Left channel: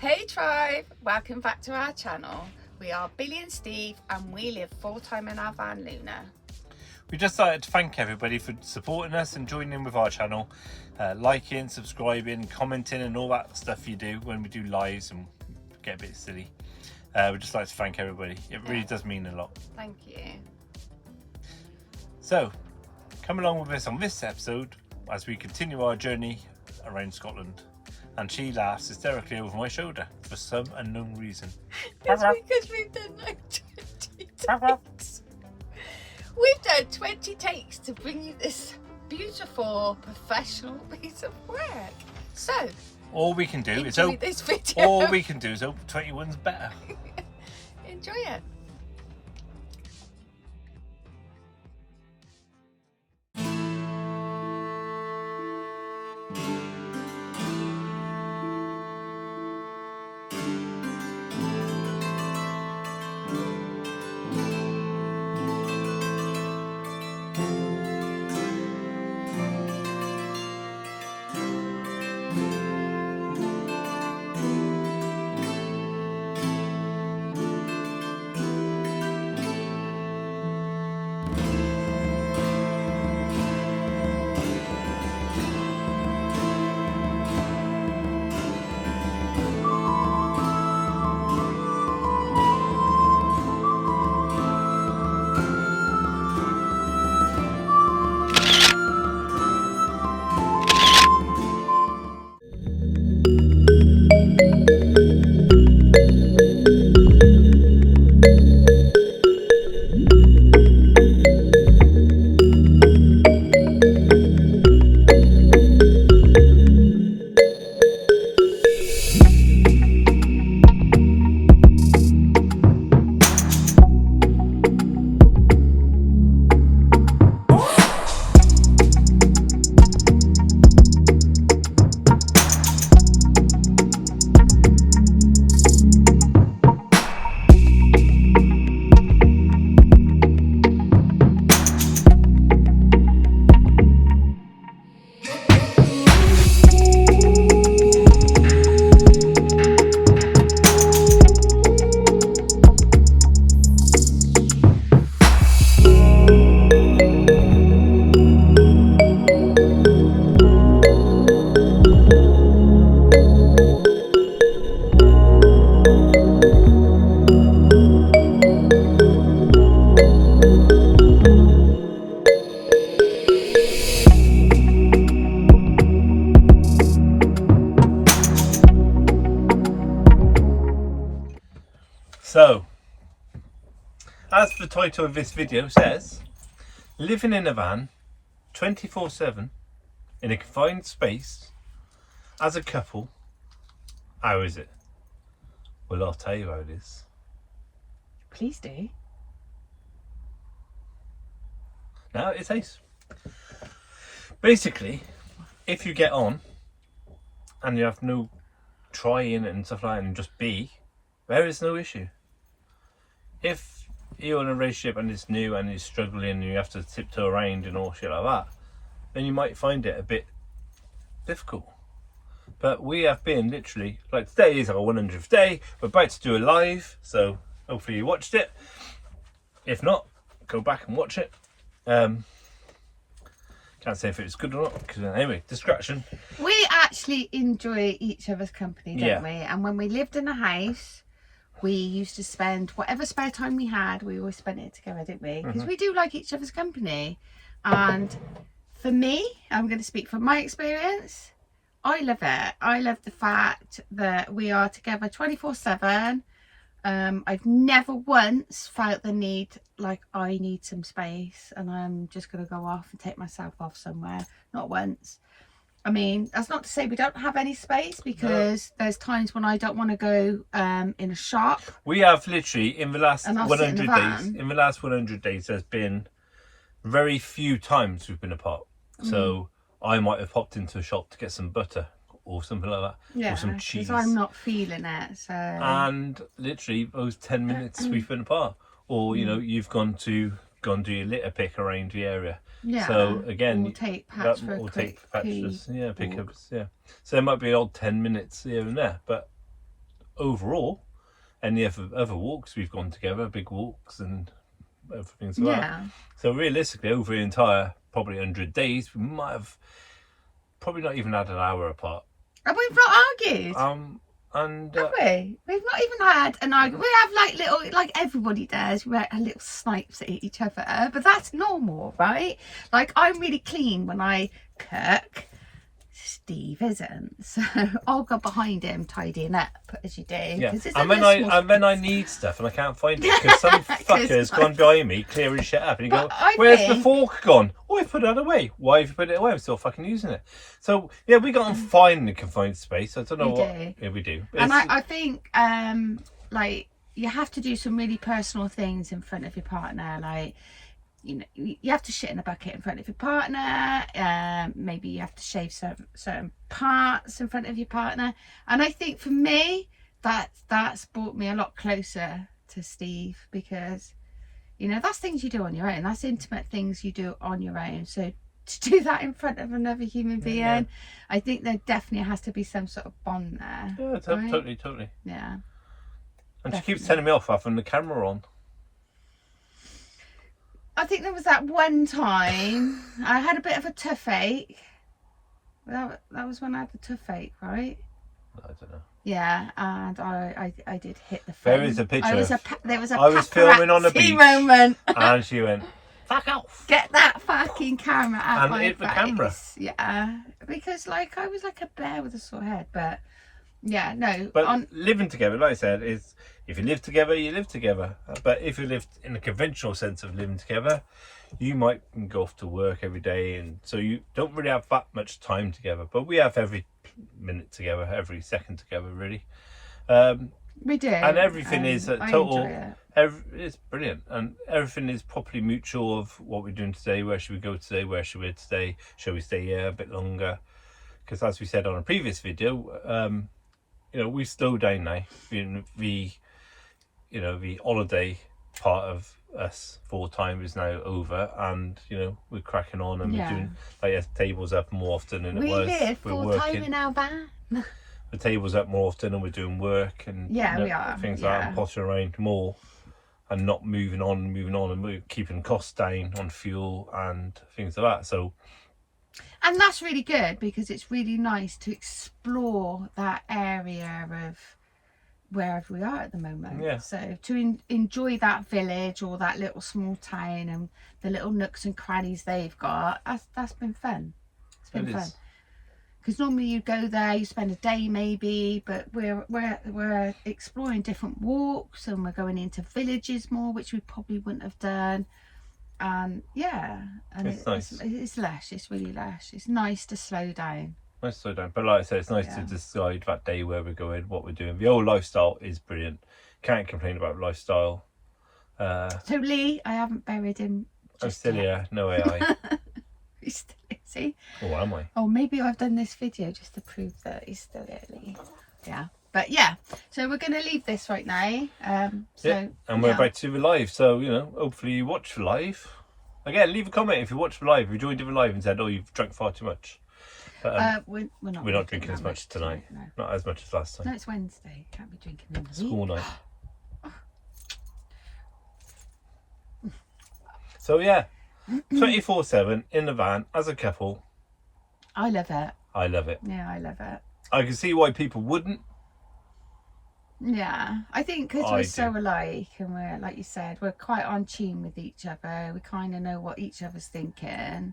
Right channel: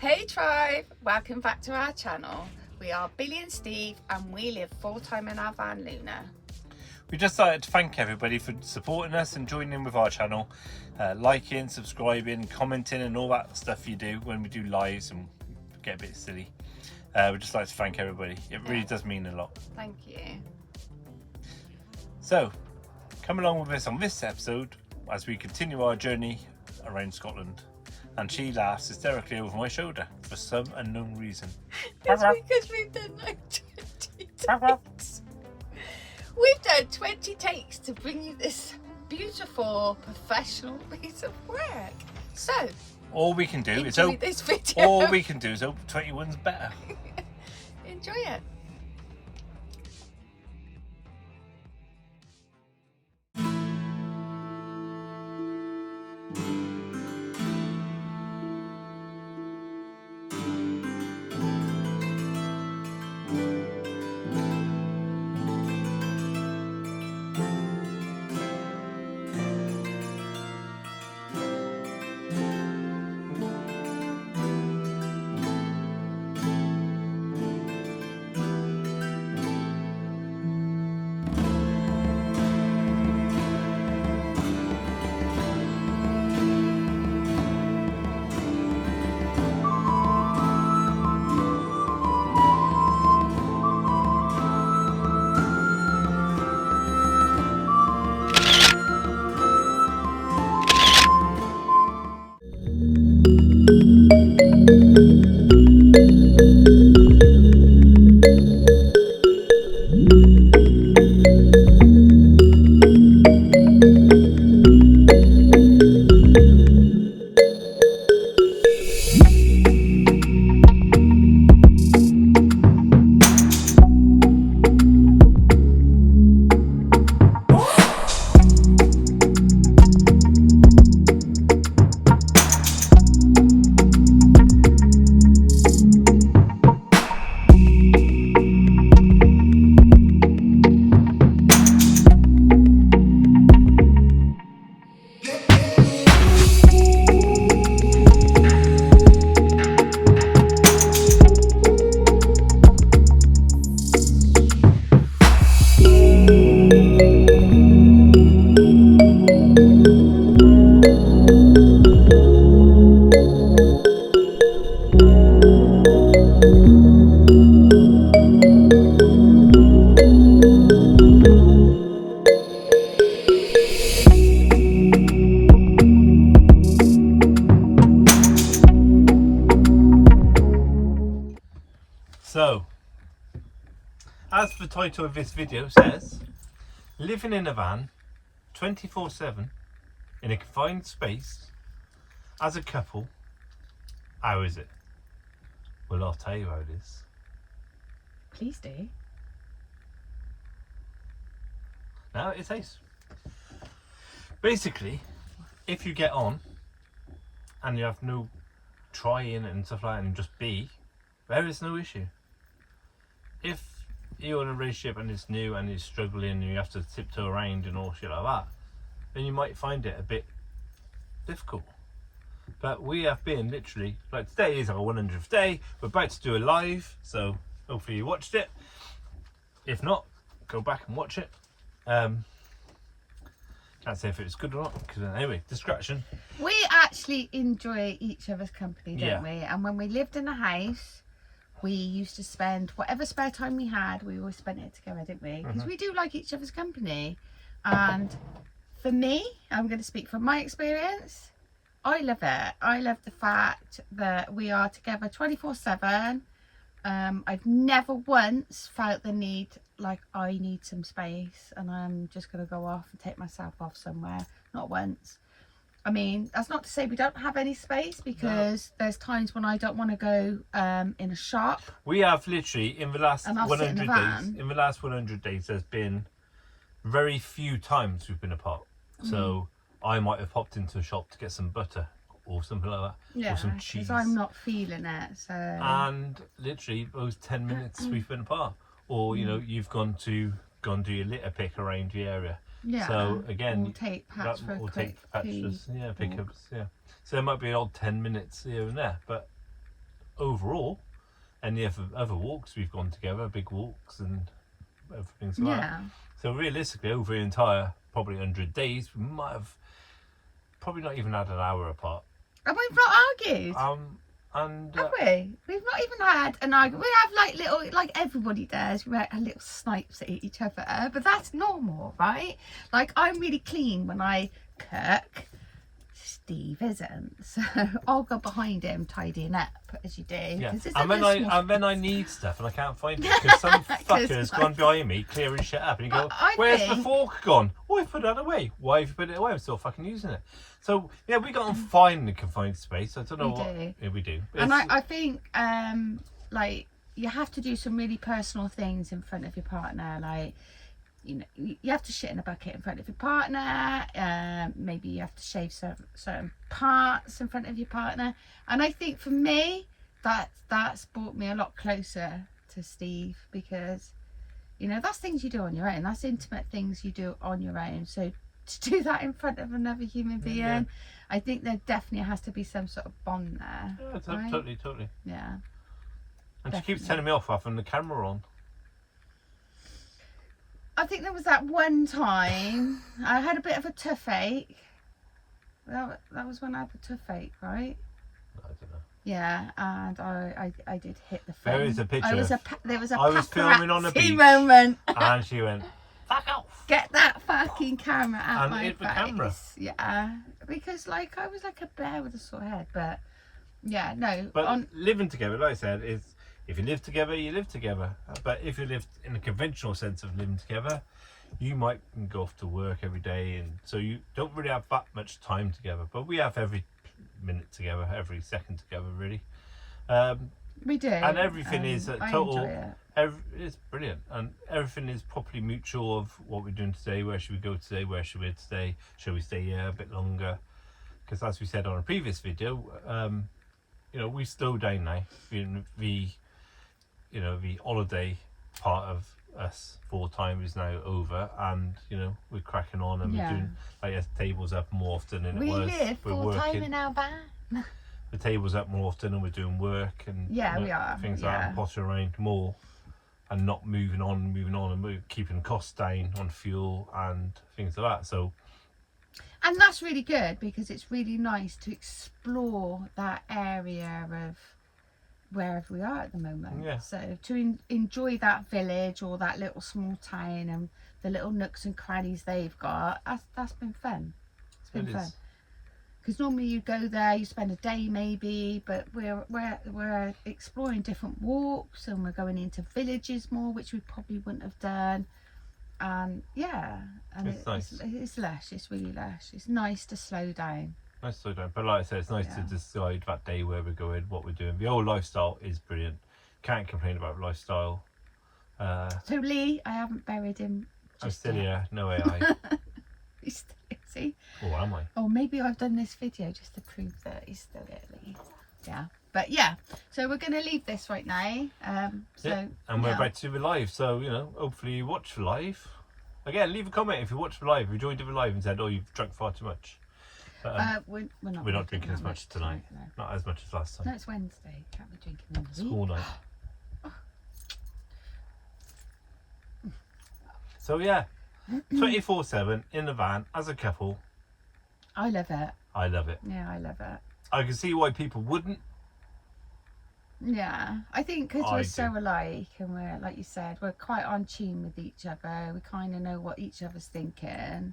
Hey tribe, welcome back to our channel. We are Billie and Steve and we live full-time in our van Luna. We just started to thank everybody for supporting us and joining in with our channel, liking, subscribing, commenting and all that stuff you do when we do lives and get a bit silly. We'd just like to thank everybody. It really does mean a lot. Thank you. So, come along with us on this episode as we continue our journey around Scotland. And she laughs hysterically over my shoulder for some unknown reason. It's because we've done like 20 takes. We've done 20 takes to bring you this beautiful professional piece of work. So, all we can do is hope this video. All we can do is hope 21's better. Enjoy it. So, as the title of this video says, living in a van 24/7 in a confined space as a couple, how is it? Well, I'll tell you how it is. Please do. Now it is. Basically, if you get on and you have no trying and stuff like that and just be, there is no issue. If you're in a relationship and it's new and it's struggling and you have to tiptoe around and all shit like that, then you might find it a bit difficult. But we have been literally, like today is our 100th day, we're about to do a live, so hopefully you watched it. If not, go back and watch it. Can't say if it was good or not, because anyway, distraction. We actually enjoy each other's company, don't we? And when we lived in a house, we used to spend whatever spare time we had, we always spent it together, didn't we? Because we do like each other's company. And for me, I'm going to speak from my experience, I love it. I love the fact that we are together 24/7. I've never once felt the need like I need some space and I'm just going to go off and take myself off somewhere. Not once. I mean, that's not to say we don't have any space, because there's times when I don't want to go in a shop. We have literally in the last 100 days. In the last 100 days, there's been very few times we've been apart. So I might have popped into a shop to get some butter or something like that, or some cheese. Because I'm not feeling it. So. And literally those 10 minutes we've been apart, or you know, you've gone to do your litter pick around the area. Yeah. So again, we'll take patch for pickups. Yeah. So there might be an odd 10 minutes here and there, but overall, any other walks we've gone together, big walks and everything like that. So realistically, over the entire probably 100 days, we might have probably not even had an hour apart. And we've not argued. Have we? We've not even had an argument. We have like little, like everybody does, we have little snipes at each other, but that's normal, right? Like, I'm really clean when I cook. Steve isn't, so I'll go behind him tidying up as you do. Yeah, and when I need stuff and I can't find it because some fucker's gone behind me clearing shit up, and you go, "Where's the fork gone? Oh, I put it away. Why have you put it away? I'm still fucking using it." So yeah, we got to find the confined space. I don't know what. Yeah, we do. And I think like you have to do some really personal things in front of your partner, like. You know, you have to shit in a bucket in front of your partner. Maybe you have to shave certain parts in front of your partner. And I think for me, that's brought me a lot closer to Steve, because, you know, that's things you do on your own. That's intimate things you do on your own. So to do that in front of another human being, I think there definitely has to be some sort of bond there. Yeah, right? totally. Yeah. And she keeps telling me off having the camera on. I think there was that one time I had a bit of a toothache. That was when I had the toothache, right? I don't know. Yeah, and I did hit the phone. There is a picture. There was a I was filming on the beach moment. And she went, "Fuck off! Get that fucking camera out And my hit the face." camera. Yeah, because like I was like a bear with a sore head, but yeah, no. But living together, like I said, is. If you live together, you live together. But if you live in the conventional sense of living together, you might go off to work every day, and so you don't really have that much time together. But we have every minute together, every second together, really. We do. And everything is a total. It's brilliant, and everything is properly mutual of what we're doing today. Where should we go today? Where should we today? Shall we stay here a bit longer? Because as we said on a previous video, you know, we slowed down now. The holiday part of us Fulltime is now over, and you know we're cracking on, and we're doing like tables up more often than it was. We're working in our van. The table's up more often, and we're doing work and we are things like that, and pottering around more, and not moving on, and we're keeping costs down on fuel and things like that. So. And that's really good, because it's really nice to explore that area of wherever we are at the moment. Yeah. So to enjoy that village or that little small town and the little nooks and crannies they've got, that's been fun. It's been fun. Because normally you go there, you spend a day maybe, but we're exploring different walks, and we're going into villages more, which we probably wouldn't have done. And and it's nice. It's lush. It's really lush. It's nice to slow down. Nice to slow down, but like I said, it's nice to decide that day where we're going, what we're doing. The old lifestyle is brilliant. Can't complain about lifestyle. So Lee, I haven't buried him. I'm still here. No AI. He's still here, see? Or am I? Oh, maybe I've done this video just to prove that he's still here, Lee. Yeah. But yeah, so we're going to leave this right now. And we're about to do the live, so you know, hopefully you watch the live. Again, leave a comment if you watched the live, if you joined the live and said, "Oh, you've drunk far too much." But we're not drinking as much tonight. No. Not as much as last time. No, it's Wednesday. Can't be drinking in the School night. So yeah, 24/7 in the van as a couple. I love it. I love it. Yeah, I love it. I can see why people wouldn't. Yeah, I think because we're so alike, and we're, like you said, we're quite on tune with each other. We kind of know what each other's thinking,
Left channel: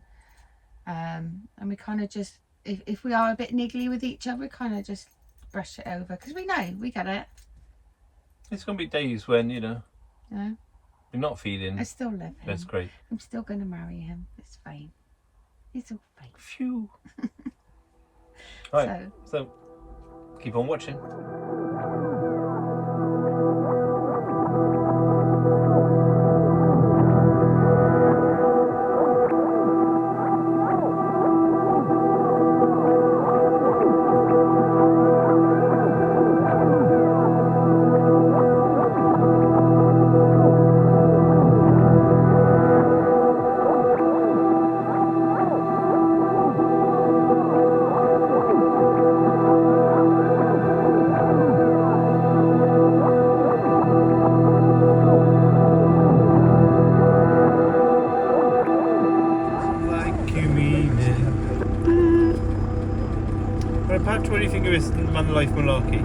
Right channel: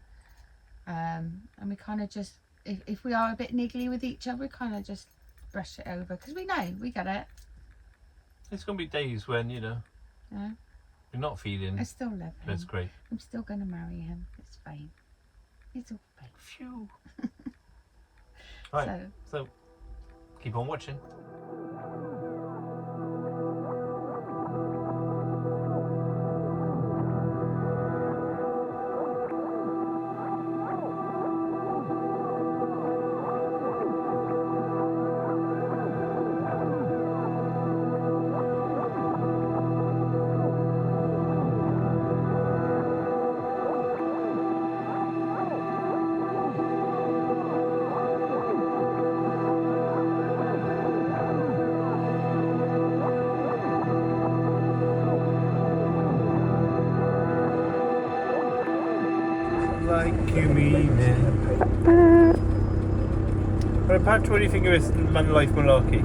and we kind of just, if we are a bit niggly with each other, we kind of just brush it over, because we get it. It's gonna be days when you're not feeling. I still love him. That's great. I'm still gonna marry him. It's fine. It's all fine. Phew. Right. So keep on watching. What do you think of this Vanlife malarkey?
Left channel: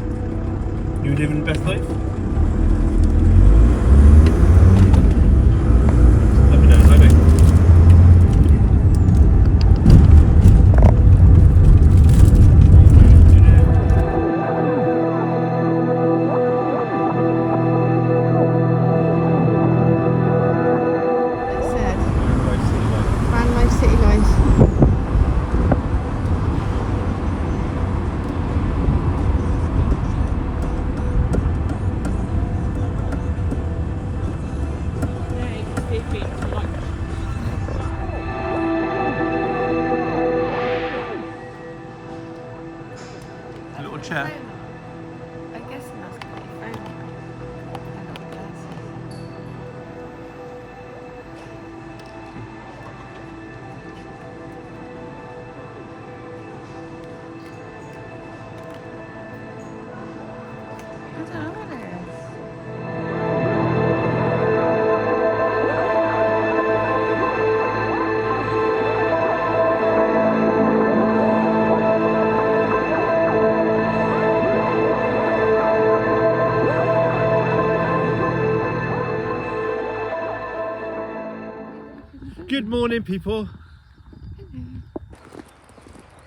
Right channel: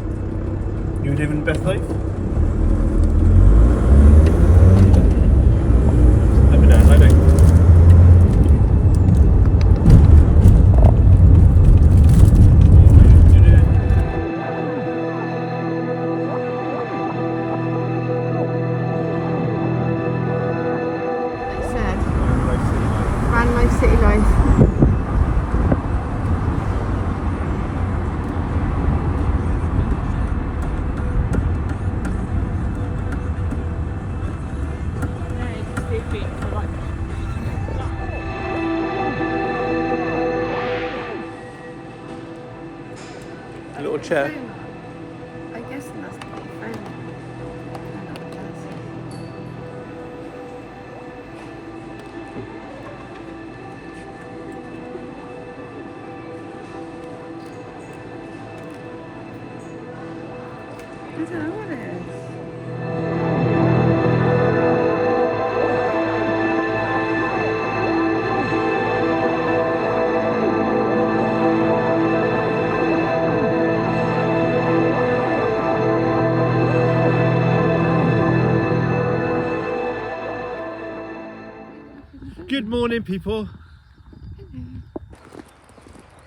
You living the best life? Let me know, I do. Vanlife City Life. A little chair. I guess that's not a phone. What's Good morning, people.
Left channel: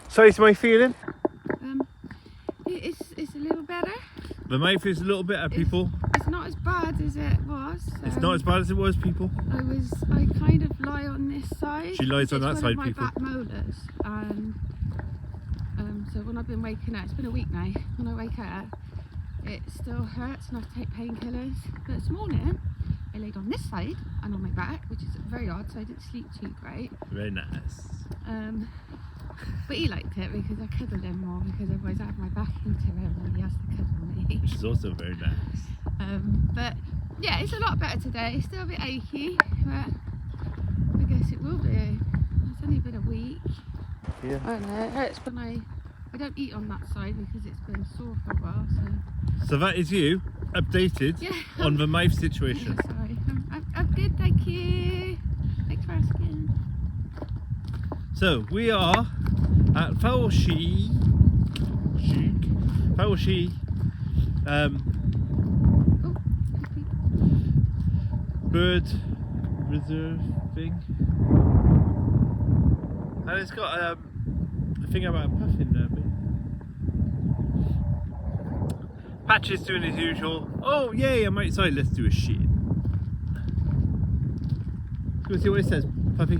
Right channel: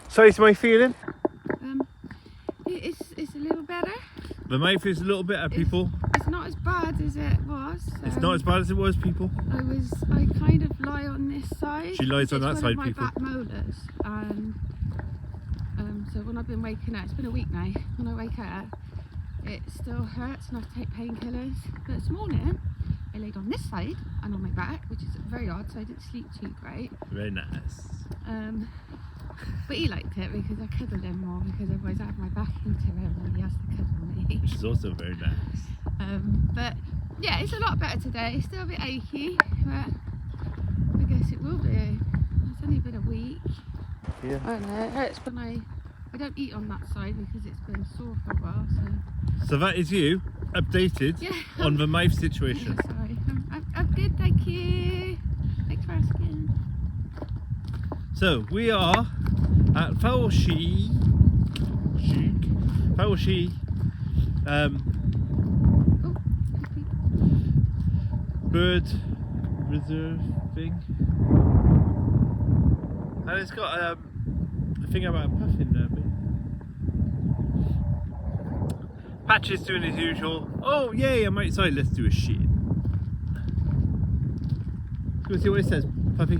So, is my feeling? It's a little better. The mouth is a little better, people. It's not as bad as it was. It's not as bad as it was, people. I kind of lie on this side. She lies on that side, my people. Back molars, and so when I've been waking up, it's been a week now. When I wake up, it still hurts, and I have to take painkillers. But this morning, I laid on this side and on my back, which is very odd, so I didn't sleep too great. Very nice. But he liked it because I cuddled him more, because otherwise I have my back into him and he has to cuddle me. Which is also very nice. But yeah, it's a lot better today. It's still a bit achy, but I guess it will be. It's only been a week. Yeah. I don't know, it hurts when I don't eat on that side because it's been sore for a while. So that is you updated on the mouth situation. Yeah, sorry, I'm good, thank you. Thanks for asking. So we are at Fulltime bird reserve thing, and it's got a thing about a puffin there. Patch is doing as usual. Oh yay, I'm outside, let's do a shit. Go see what it says, puppy.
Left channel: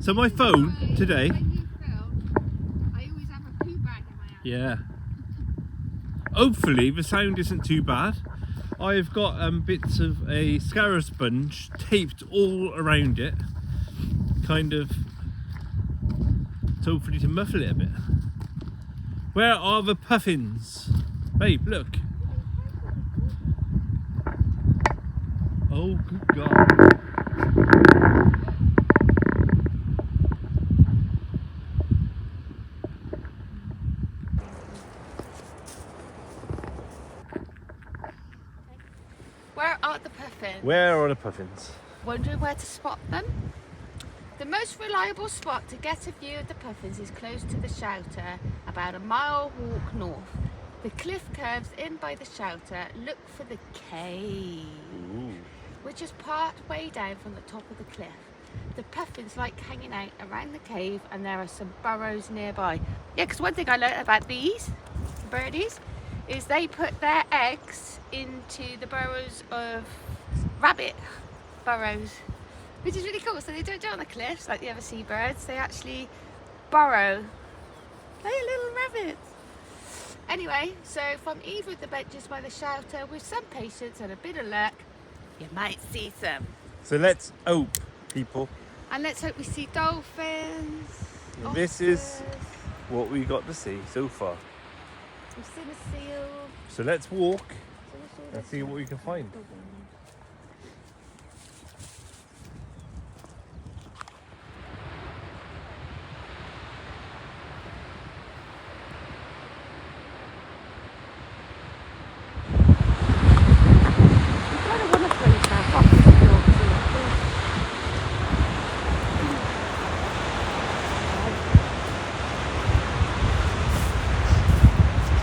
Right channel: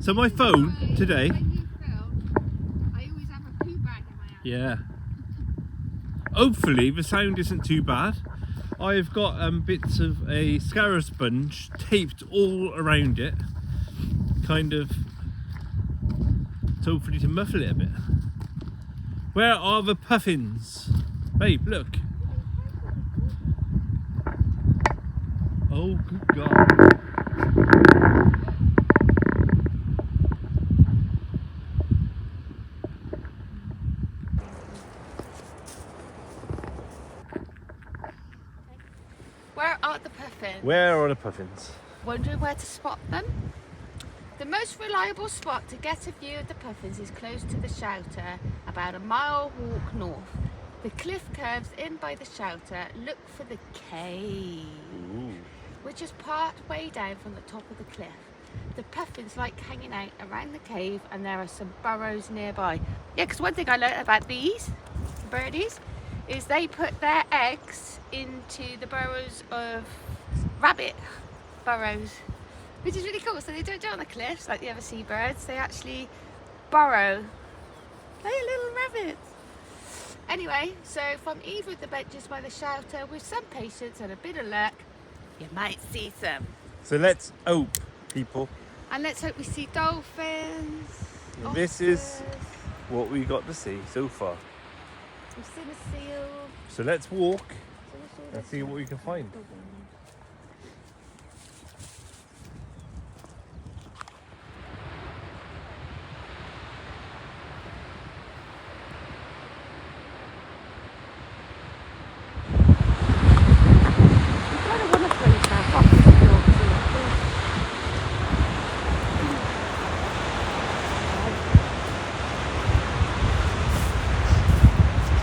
So my phone today. I always have a poo bag in my hand. Yeah. Hopefully the sound isn't too bad. I've got bits of a scarab sponge taped all around it, kind of, so hopefully to muffle it a bit. Where are the puffins? Babe, look. Oh, good God. Where are the puffins? Where are the puffins? Wondering where to spot them? The most reliable spot to get a view of the puffins is close to the shelter, about a mile walk north. The cliff curves in by the shelter. Look for the cave, which is part way down from the top of the cliff. The puffins like hanging out around the cave, and there are some burrows nearby. Yeah, because one thing I learned about these birdies is they put their eggs into the burrows of rabbit burrows, which is really cool. So they don't do it on the cliffs like the other seabirds. They actually burrow like little rabbits. Anyway, so from either of the benches by the shelter, with some patience and a bit of luck, you might see some. So let's hope, people. And let's hope we see dolphins. And this is what we got to see so far. We've seen a seal. So let's walk and see what we can find.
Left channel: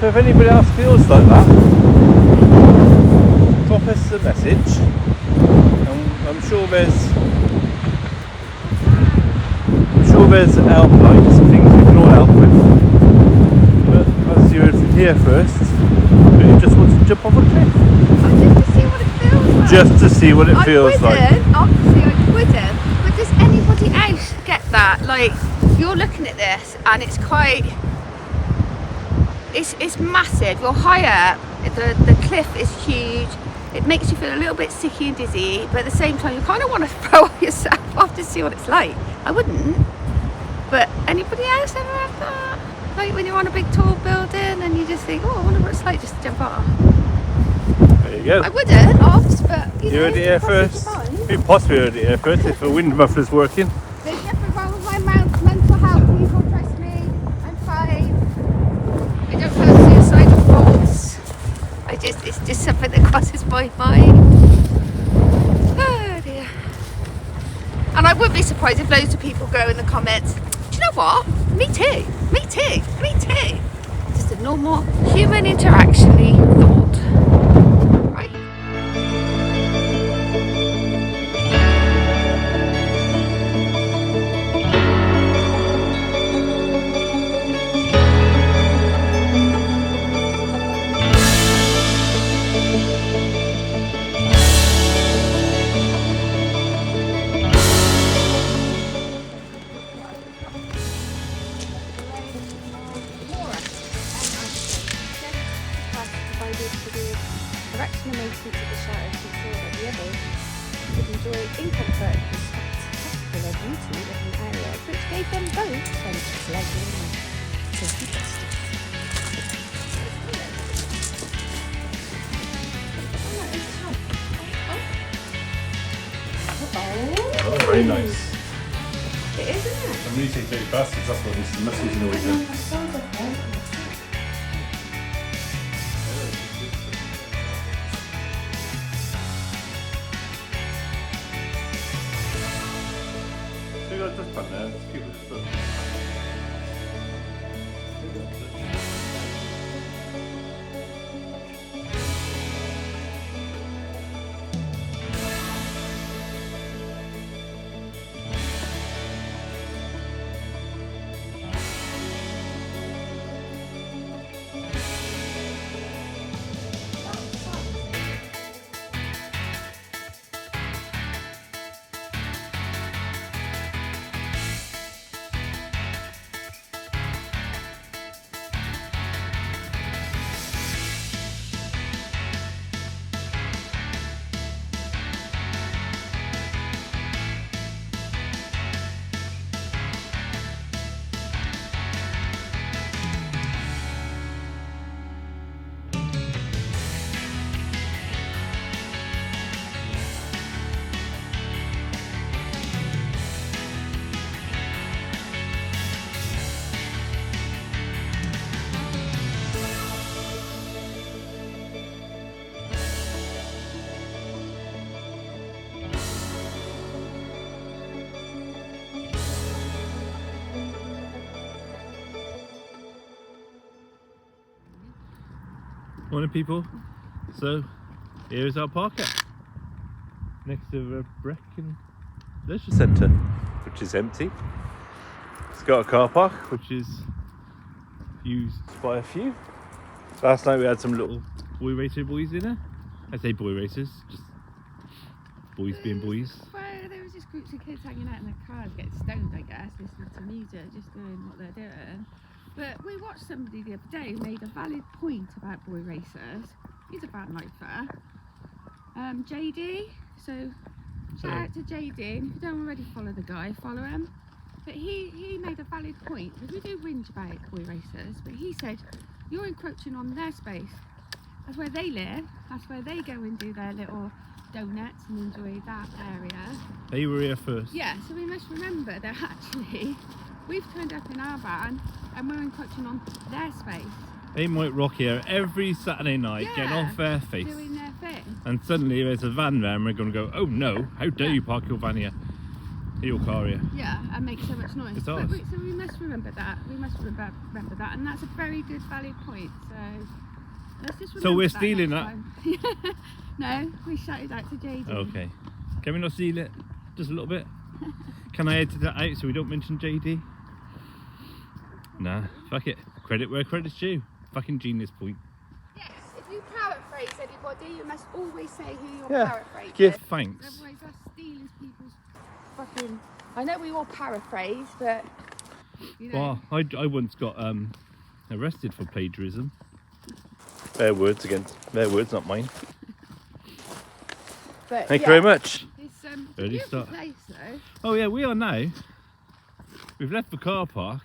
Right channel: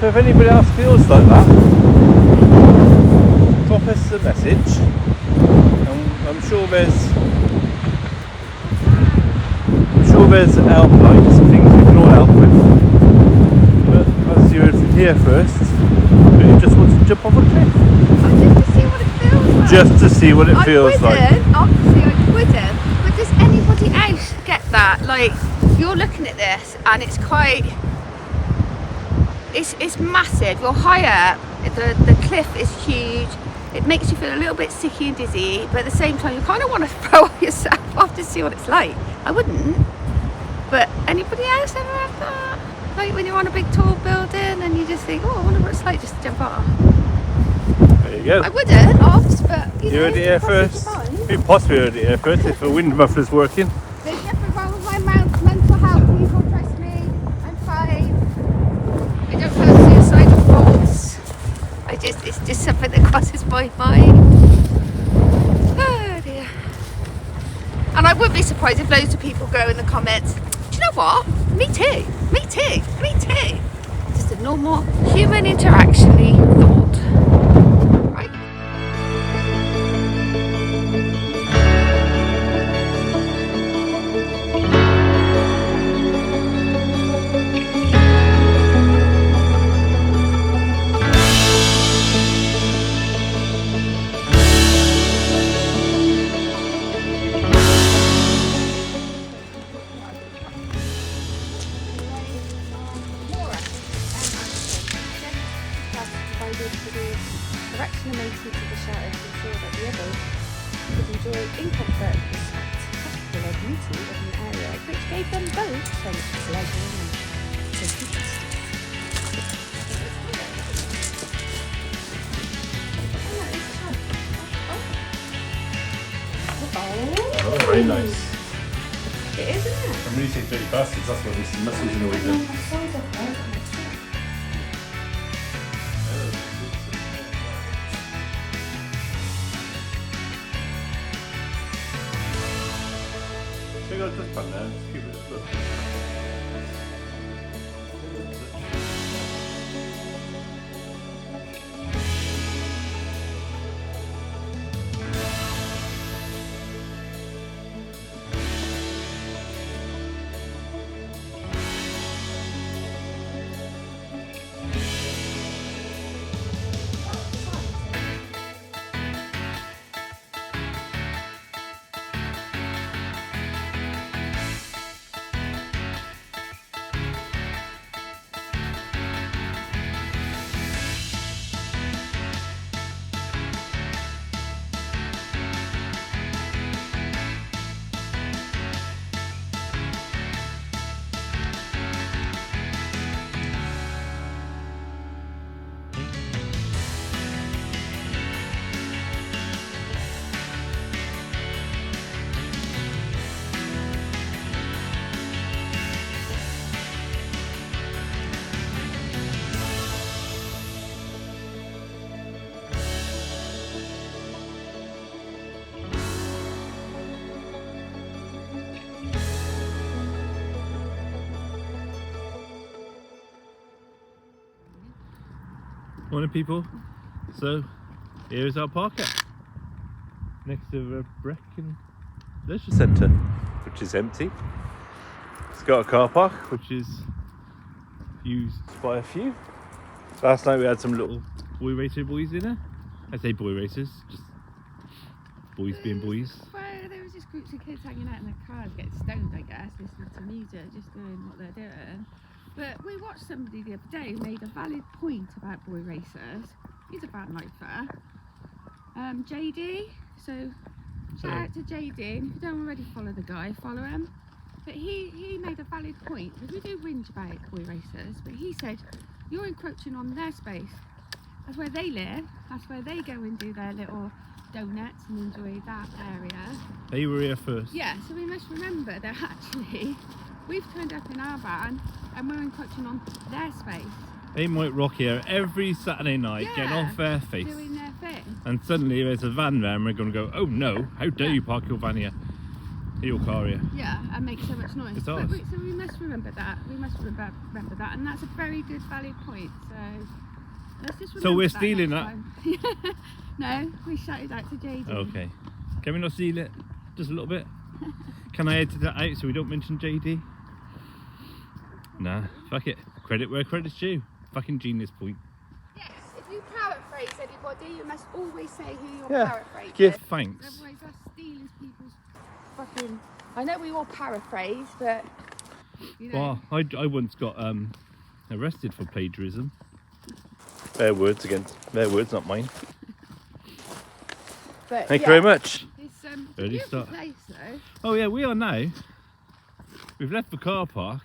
So if anybody else feels like that, drop us a message. I'm sure there's helplines and things we can all help with. But as you heard from here first, you just want to jump off a cliff. Just to see what it feels like. Just to see what it feels like. Obviously I wouldn't. But does anybody else get that? Like, you're looking at this and it's quite... It's massive. You're high up. The cliff is huge. It makes you feel a little bit sicky and dizzy, but at the same time you kind of want to throw yourself off to see what it's like. I wouldn't. But anybody else ever have that? Like when you're on a big tall building and you just think, oh, I wonder what it's like just to jump off. There you go. I wouldn't, but you heard it here first. You possibly heard it here first if the wind muffler's working. There's nothing wrong with my mental health. People trust me. I'm fine. I don't have suicidal thoughts. It's just something that crosses my mind. Oh dear. And I wouldn't be surprised if loads of people go in the comments, do you know what? Me too. Me too. Me too. Just a normal human interaction-y thought. Right? Erection and maintenance of the shelter to ensure that the others could enjoy in comfort the spectacular beauty of an area which gave them both so much pleasure and safety justice. Oh, very nice. It is, isn't it? And when you say dirty bastards, that's what Mr. Muscles in always do. So you got this one there, just keep it just look. Morning people, so here's our parker next to the Brecon Leisure Centre, which is empty. It's got a car park which is used by a few. Last night we had some little boy racer boys in there. I say boy racers, just boys being boys. Well, there was just groups of kids hanging out in their cars getting stoned, I guess, listening to music, just doing what they're doing. But we watched somebody the other day who made a valid point about boy racers. He's a Vanlifer. JD, so shout out to JD. And if you don't already follow the guy, follow him. But he made a valid point, because we do whinge about boy racers, but he said, you're encroaching on their space. That's where they live, that's where they go and do their little donuts and enjoy that area. They were here first. Yeah, so we must remember that actually we've turned up in our van and we're encroaching on their space. They might rock here every Saturday night, getting off their face. Doing their thing. And suddenly there's a van there and we're going to go, oh no, how dare you park your van here? your car, yeah. Yeah, and make so much noise. It's But ours. so we must remember that. We must remember that, and that's a very good, valid point. So let's just remember So we're that stealing next that? time. No, we shouted out to JD. Okay. Can we not steal it? Just a little bit? Can I edit that out so we don't mention JD? Nah, fuck it. Credit where credit's due. Fucking genius point. Yes, if you paraphrase anybody, you must always say who you're Yeah, paraphrasing. give thanks. Otherwise, that's stealing people's fucking. I know we all paraphrase, but you know. Well, I once got arrested for plagiarism. Their words, not mine. But, Thank you very much. It's Early a beautiful start. place, though. Oh yeah, we are now. We've left the car park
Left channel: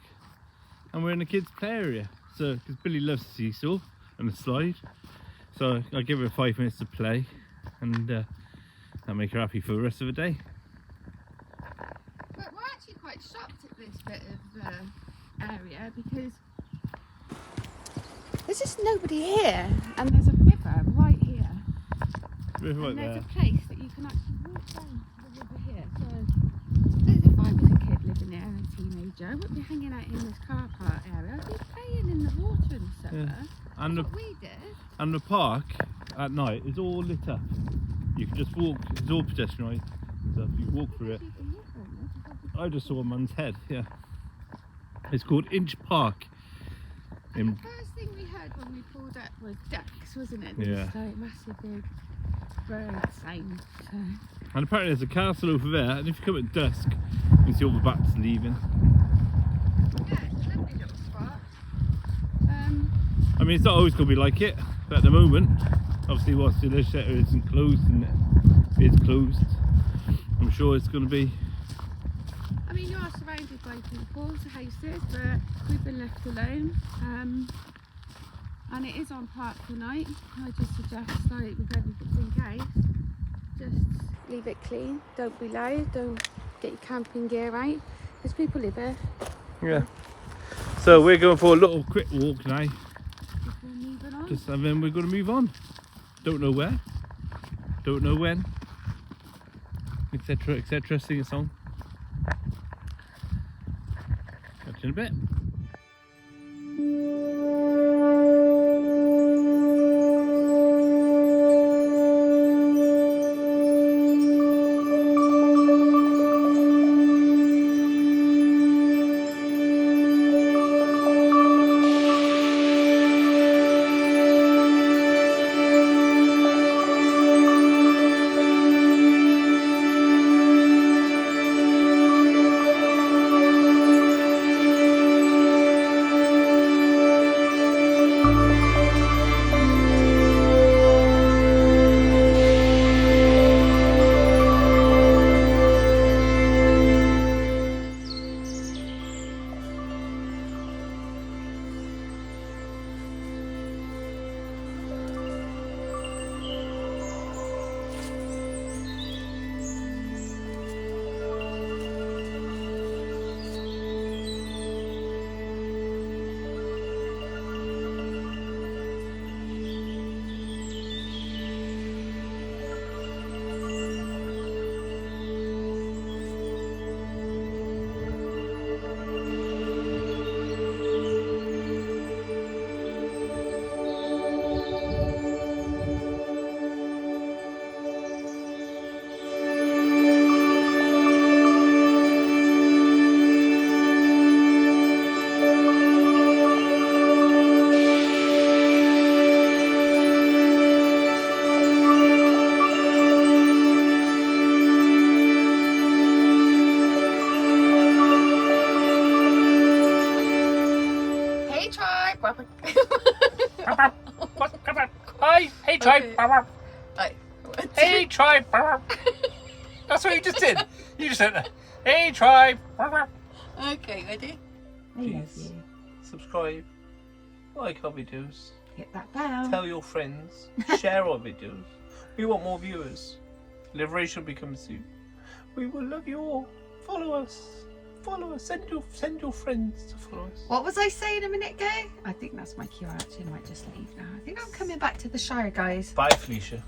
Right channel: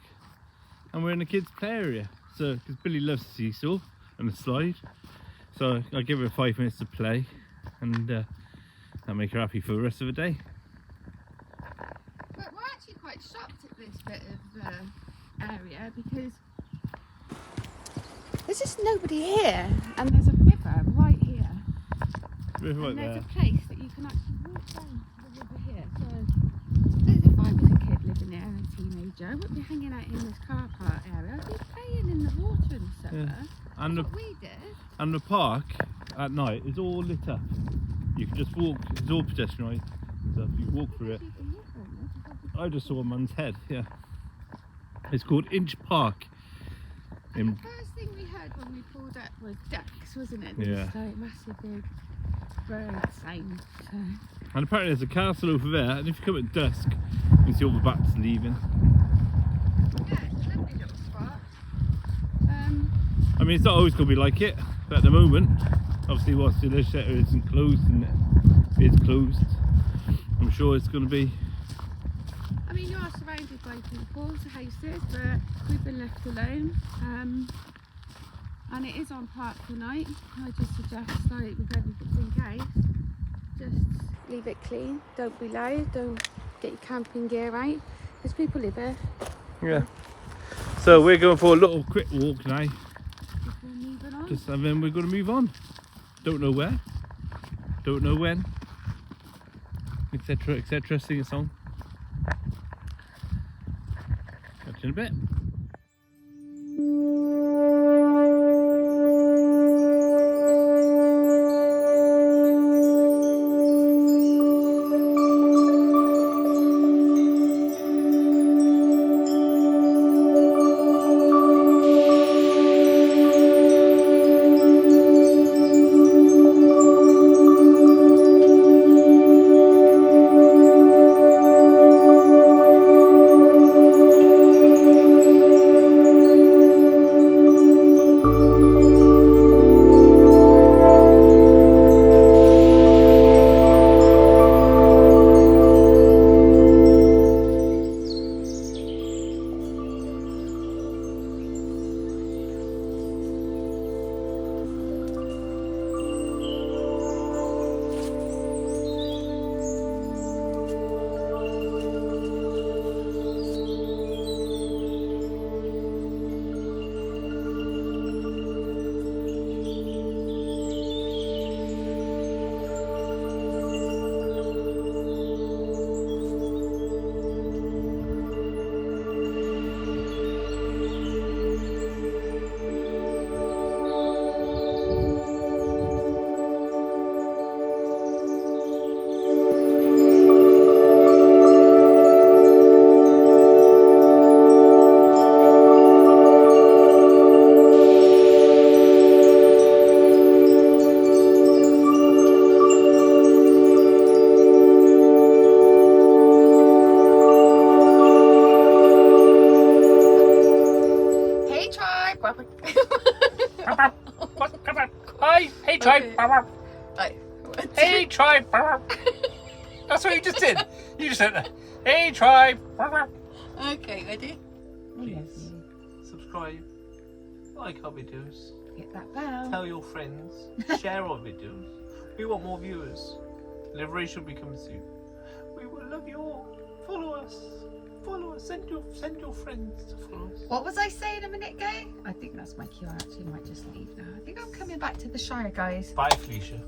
and we're in the kids' play area. So, because Billy loves the seesaw and the slide, so I give her 5 minutes to play, and that'll make her happy for the rest of the day. But we're actually quite shocked at this bit of area because there's just nobody here, and there's a river right here. Right And there's there. a place that you can actually walk down the river here. So if I was a kid living there and a teenager, I wouldn't be hanging out in this car park area. I'd be playing in the water in the summer. Yeah. And That's what we did. And the park at night is all lit up. You can just walk, it's all pedestrianised. So you walk through it. People live on this. I just saw a man's head, yeah. It's called Inch Park. And the first thing we heard when we pulled up was ducks, wasn't it? Yeah. So massive big bird sound. So. And apparently there's a castle over there, and if you come at dusk, you can see all the bats leaving. Yeah, it's a lovely little spot. I mean, it's not always going to be like it, but at the moment, obviously whilst the shutter isn't closed and it is closed, I'm sure it's going to be. I mean, you are surrounded by people's houses, but we've been left alone. And it is on park tonight. I just suggest, like with everything else, just leave it clean. Don't be loud. Don't get your camping gear out, because people live here. Yeah. So we're going for a little quick walk now, Before moving on. and then we're going to move on. Don't know where, don't know when, etc, etc. Sing a song. Catch you in a bit. Hi, hey tribe. Hey tribe. That's what you just did. You just said, hey tribe. Okay, ready? Please subscribe, like our videos, Hit that bell. tell your friends, share our videos. We want more viewers. Liberation will be coming soon. We will love you all. Follow us. Follow us. Send your friends to follow us. What was I saying a minute ago? I think that's my cue. Actually, I might just leave now. I think I'm coming back to the Shire, guys. Bye, Felicia.